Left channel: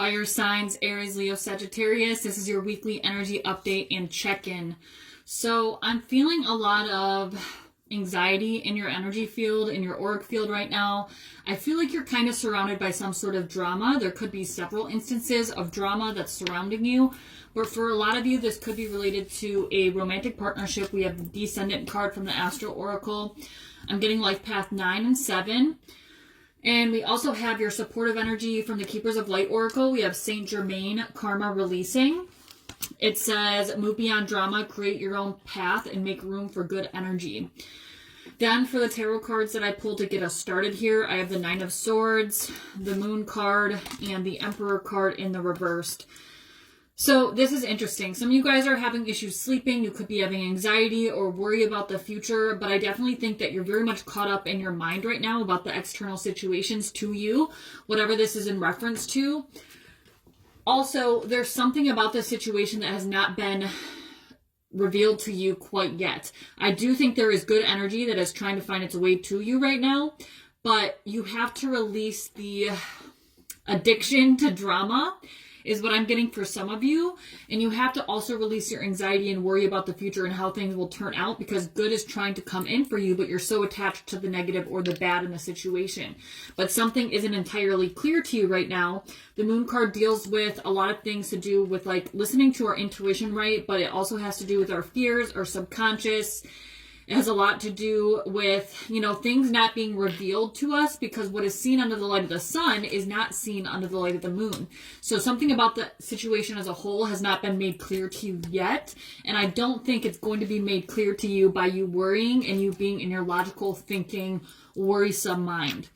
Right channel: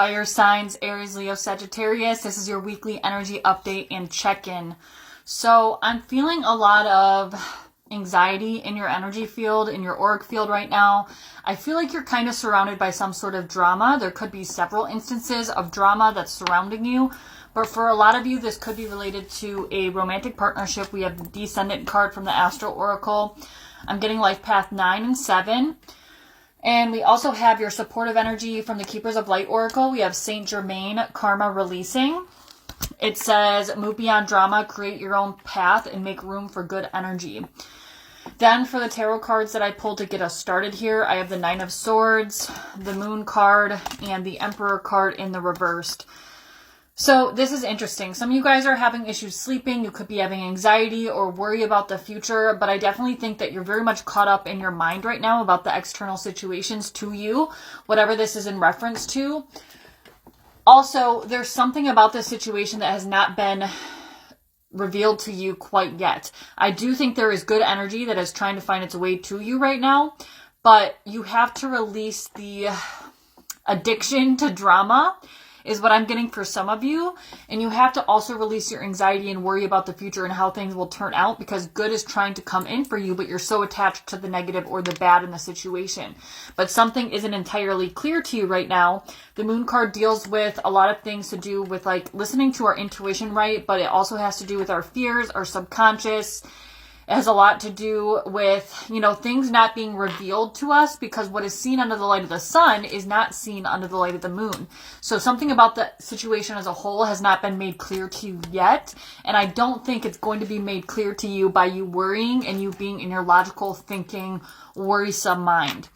Fire signs, Aries, Leo, Sagittarius. This is your weekly energy update and check-in. So I'm feeling a lot of anxiety in your energy field, in your auric field right now. I feel like you're kind of surrounded by some sort of drama. There could be several instances of drama that's surrounding you. But for a lot of you, this could be related to a romantic partnership. We have the Descendant card from the Astro Oracle. I'm getting Life Path 9 and 7. And we also have your supportive energy from the Keepers of Light Oracle. We have Saint Germain, Karma Releasing. It says, move beyond drama, create your own path, and make room for good energy. Then for the tarot cards that I pulled to get us started here, I have the Nine of Swords, the Moon card, and the Emperor card in the reversed. So this is interesting. Some of you guys are having issues sleeping. You could be having anxiety or worry about the future, but I definitely think that you're very much caught up in your mind right now about the external situations to you, whatever this is in reference to. Also, there's something about this situation that has not been revealed to you quite yet. I do think there is good energy that is trying to find its way to you right now, but you have to release the addiction to drama is what I'm getting for some of you. And you have to also release your anxiety and worry about the future and how things will turn out, because good is trying to come in for you, but you're so attached to the negative or the bad in the situation. But something isn't entirely clear to you right now. The Moon card deals with a lot of things to do with like listening to our intuition, right? But it also has to do with our fears, our subconscious. It has a lot to do with, things not being revealed to us, because what is seen under the light of the sun is not seen under the light of the moon. So something about the situation as a whole has not been made clear to you yet. And I don't think it's going to be made clear to you by you worrying and you being in your logical thinking, worrisome mind.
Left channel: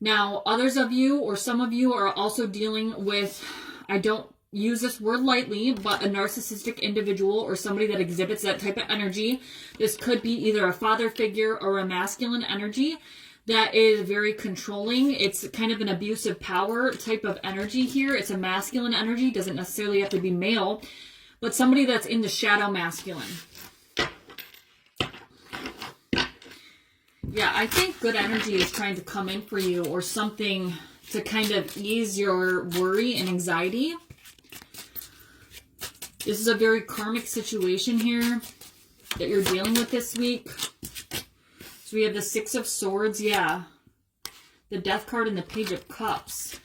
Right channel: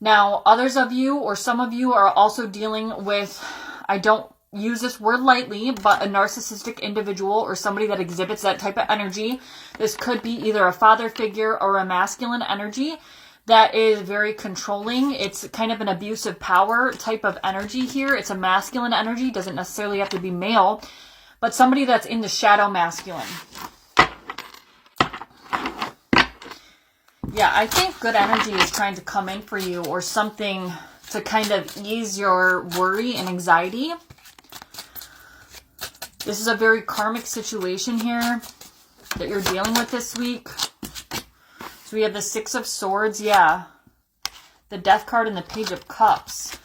Now, others of you or some of you are also dealing with, I don't use this word lightly, but a narcissistic individual or somebody that exhibits that type of energy. This could be either a father figure or a masculine energy that is very controlling. It's kind of an abusive power type of energy here. It's a masculine energy, doesn't necessarily have to be male, but somebody that's in the shadow masculine. Yeah, I think good energy is trying to come in for you, or something to kind of ease your worry and anxiety. This is a very karmic situation here that you're dealing with this week. So we have the Six of Swords, yeah. The Death card and the Page of Cups.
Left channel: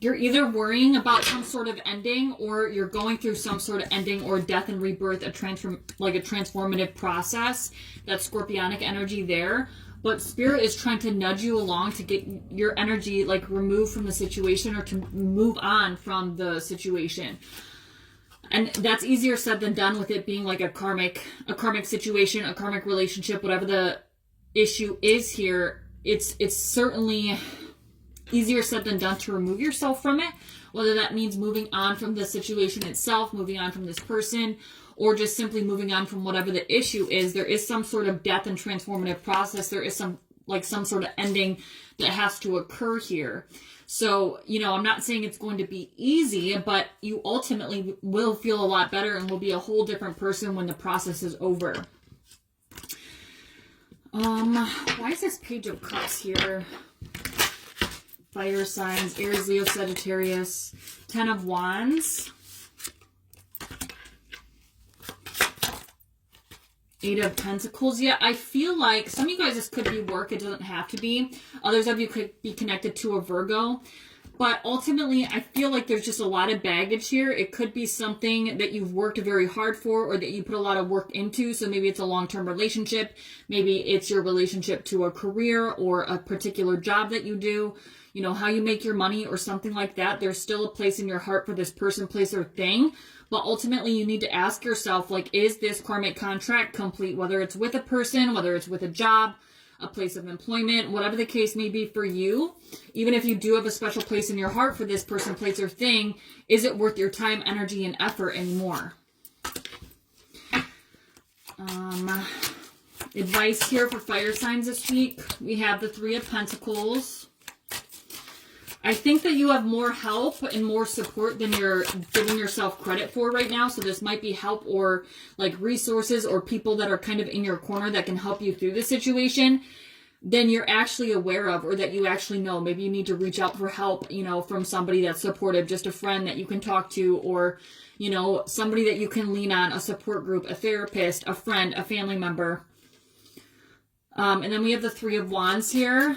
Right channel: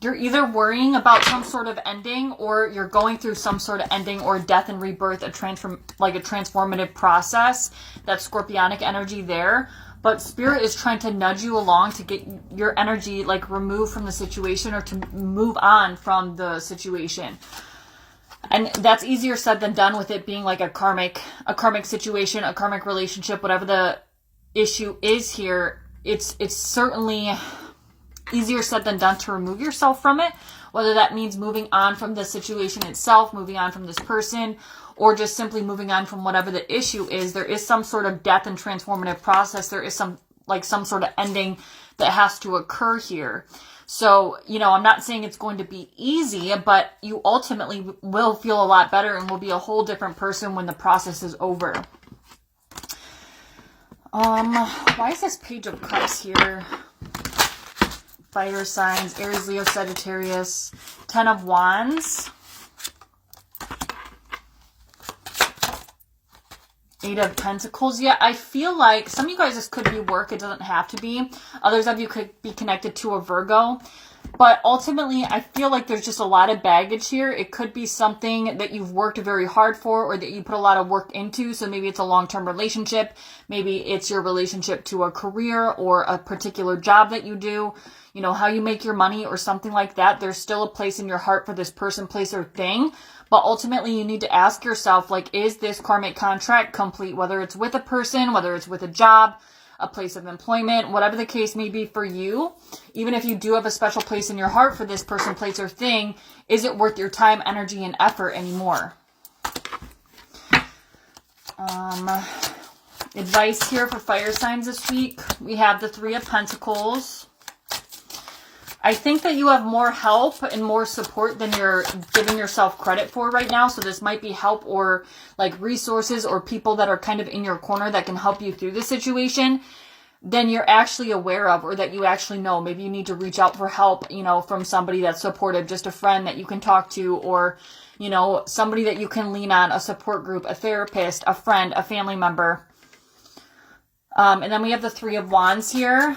You're either worrying about some sort of ending, or you're going through some sort of ending or death and rebirth, a transformative process. That's scorpionic energy there. But Spirit is trying to nudge you along to get your energy removed from the situation, or to move on from the situation. And that's easier said than done, with it being like a karmic situation, a karmic relationship, whatever the issue is here. It's certainly easier said than done to remove yourself from it, whether that means moving on from the situation itself, moving on from this person, or just simply moving on from whatever the issue is. There is some sort of death and transformative process. There is some sort of ending that has to occur here. So, I'm not saying it's going to be easy, but you ultimately will feel a lot better and will be a whole different person when the process is over. Why is this Page of Cups here? Fire signs, Aries, Leo, Sagittarius, 10 of Wands, 8 of Pentacles. Yeah, I feel like some of you guys, this could be work. It doesn't have to be. Others of you could be connected to a Virgo. But ultimately, I feel like there's just a lot of baggage here. It could be something that you've worked very hard for, or that you put a lot of work into. So maybe it's a long-term relationship. Maybe it's your relationship to a career or a particular job that you do. How you make your money or something like that. There's still a place in your heart for this person, place, or thing. But ultimately, you need to ask yourself, is this karmic contract complete? Whether it's with a person, whether it's with a job, a place of employment, whatever the case may be for you. Even if you do have a special place in your heart for this person, place, or thing, is it worth your time, energy, and effort anymore? Advice here for fire signs this week. We have the Three of Pentacles. I think that you have more help and more support than you're giving yourself credit for right now. So this might be help or resources or people that are kind of in your corner that can help you through the situation. than you're actually aware of, or that you actually know. Maybe you need to reach out for help, you know, from somebody that's supportive, just a friend that you can talk to, or, you know, somebody that you can lean on, a support group, a therapist, a friend, a family member. And then we have the Three of Wands here.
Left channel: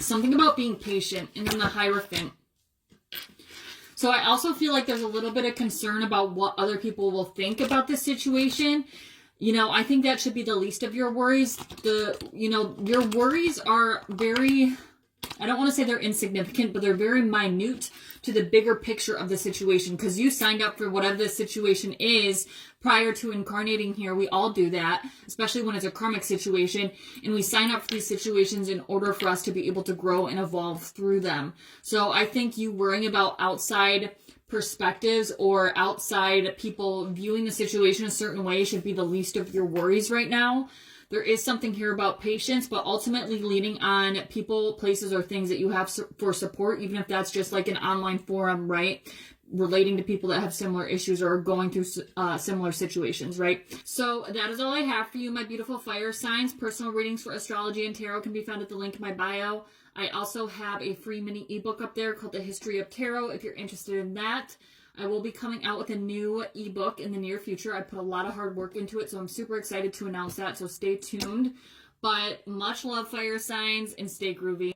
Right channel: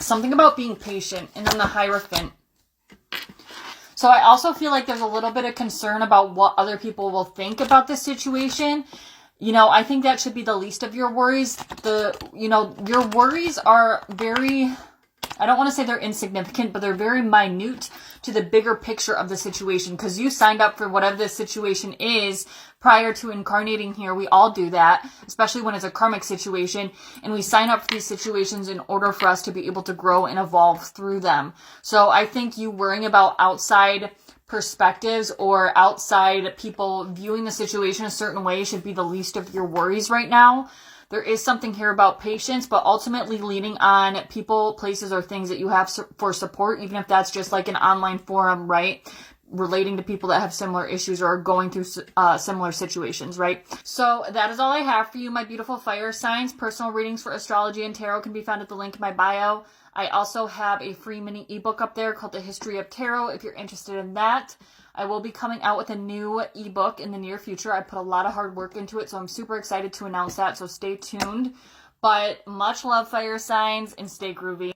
Something about being patient, and then the Hierophant. So I also feel like there's a little bit of concern about what other people will think about this situation. You know, I think that should be the least of your worries. You know, your worries are very, I don't want to say they're insignificant, but they're very minute to the bigger picture of the situation, because you signed up for whatever this situation is prior to incarnating here. We all do that, especially when it's a karmic situation, and we sign up for these situations in order for us to be able to grow and evolve through them. So I think you worrying about outside perspectives or outside people viewing the situation a certain way should be the least of your worries right now. There is something here about patience, but ultimately leaning on people, places, or things that you have for support, even if that's just like an online forum, right? Relating to people that have similar issues or are going through similar situations, right? So that is all I have for you, my beautiful fire signs. Personal readings for astrology and tarot can be found at the link in my bio. I also have a free mini ebook up there called The History of Tarot if you're interested in that. I will be coming out with a new ebook in the near future. I put a lot of hard work into it, so I'm super excited to announce that, so stay tuned. But much love, fire signs, and stay groovy.